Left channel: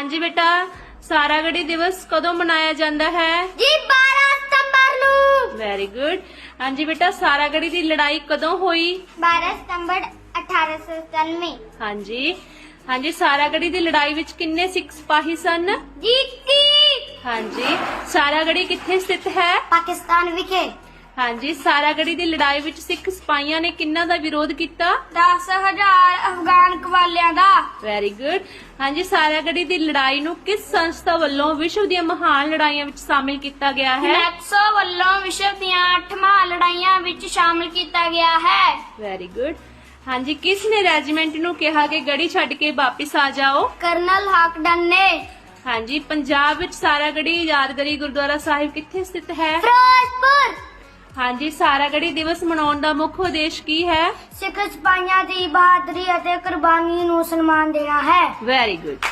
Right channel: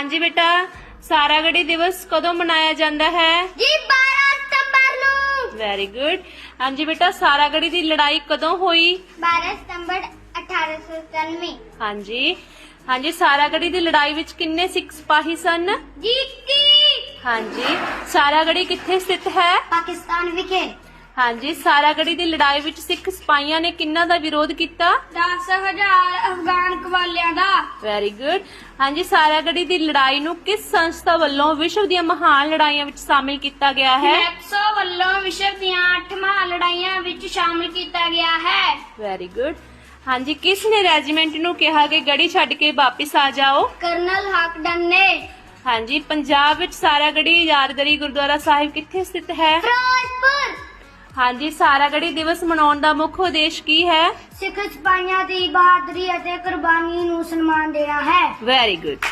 ਹਾਂਜੀ ਬੇਟਾ ਸਾਰਾਗੜੀ ਦਿਵਸ ਕਦੋਂ ਮਨਾਇਆ ਜਾਂਦਾ ਹੈ? ਜੀ 12 ਸਤੰਬਰ ਨੂੰ। ਵੈਰੀ ਗੁੱਡ ਹਾਂਜੀ ਬੇਟਾ ਸਾਰਾਗੜੀ ਦੀ ਲੜਾਈ ਕਦੋਂ ਹੋਈ? 12 ਸਤੰਬਰ 1897 ਹਾਂਜੀ। ਹਾਂਜੀ ਸਾਰਾਗੜੀ ਦੀ ਲੜਾਈ ਵਿੱਚ ਕਿੰਨੇ ਸਿੱਖ ਸਿਪਾਹੀ ਸਨ? ਜੀ ਕੀ ਹਾਂਜੀ। ਸਾਰਾਗੜੀ ਕਿੱਥੇ ਸਥਿਤ ਹੈ? ਪਾਕਿਸਤਾਨ ਵਿਖੇ। ਹਾਂਜੀ ਸਾਰਾਗੜੀ ਦੀ ਲੜਾਈ ਵਿੱਚ ਸਿੱਖ ਸਿਪਾਹੀਆਂ ਨੇ ਕਿੰਨਾਂ ਦਾ ਵਿਰੋਧ ਕੀਤਾ? 10000 ਅਫਗਾਨ ਕਵਾਲਿਆਂ ਦਾ। ਵੈਰੀ ਗੁੱਡ ਹਾਂਜੀ ਸਾਰਾਗੜੀ ਦੀ ਲੜਾਈ ਨੂੰ ਕਿਸ ਸੰਸਥਾ ਵੱਲੋਂ ਵਿਸ਼ਵ ਦੀਆਂ ਮਹਾਨ ਲੜਾਈਆਂ ਵਿੱਚ ਸ਼ਾਮਿਲ ਕੀਤਾ ਗਿਆ ਹੈ? ਨੈਕਸੋ ਵੱਲੋਂ ਵਿਸ਼ਵ ਦੀਆਂ 8ਵਾਂ ਲੜਾਈਆਂ ਵਿੱਚ ਸ਼ਾਮਲ ਕੀਤਾ ਗਿਆ ਹੈ। ਵੈਰੀ ਗੁੱਡ ਹਾਂਜੀ ਕਿਸ ਨੇ ਰੈਜੀਮੈਂਟ ਨੂੰ ਕਿਹਾ ਕਿ ਗੜੀ ਛੱਡ ਕੇ ਵਾਪਿਸ ਆ ਜਾਓ? ਕਰਨਲ ਹਾਕਡਨ ਨੇ। ਹਾਂਜੀ ਪੰਜਾਬ ਵਿੱਚ ਸਾਰਾਗੜੀ ਯਾਦਗਾਰੀ ਗੁਰਦੁਆਰਾ ਸਾਹਿਬ ਕਿੱਥੇ ਸਥਿਤ ਹੈ? ਹਾਂਜੀ ਸਾਰਾਗੜੀ ਦਿਵਸ ਮਨਾਉਣ ਦਾ ਮੁੱਖ ਉਦੇਸ਼ ਕੀ ਹੈ? ਸਿੱਖ ਸਿਪਾਹੀਆਂ ਦੀ ਬਹਾਦਰੀ ਅਤੇ ਕੁਰਬਾਨੀ ਨੂੰ ਸਨਮਾਨ ਦੇਣਾ ਹੈ। Very good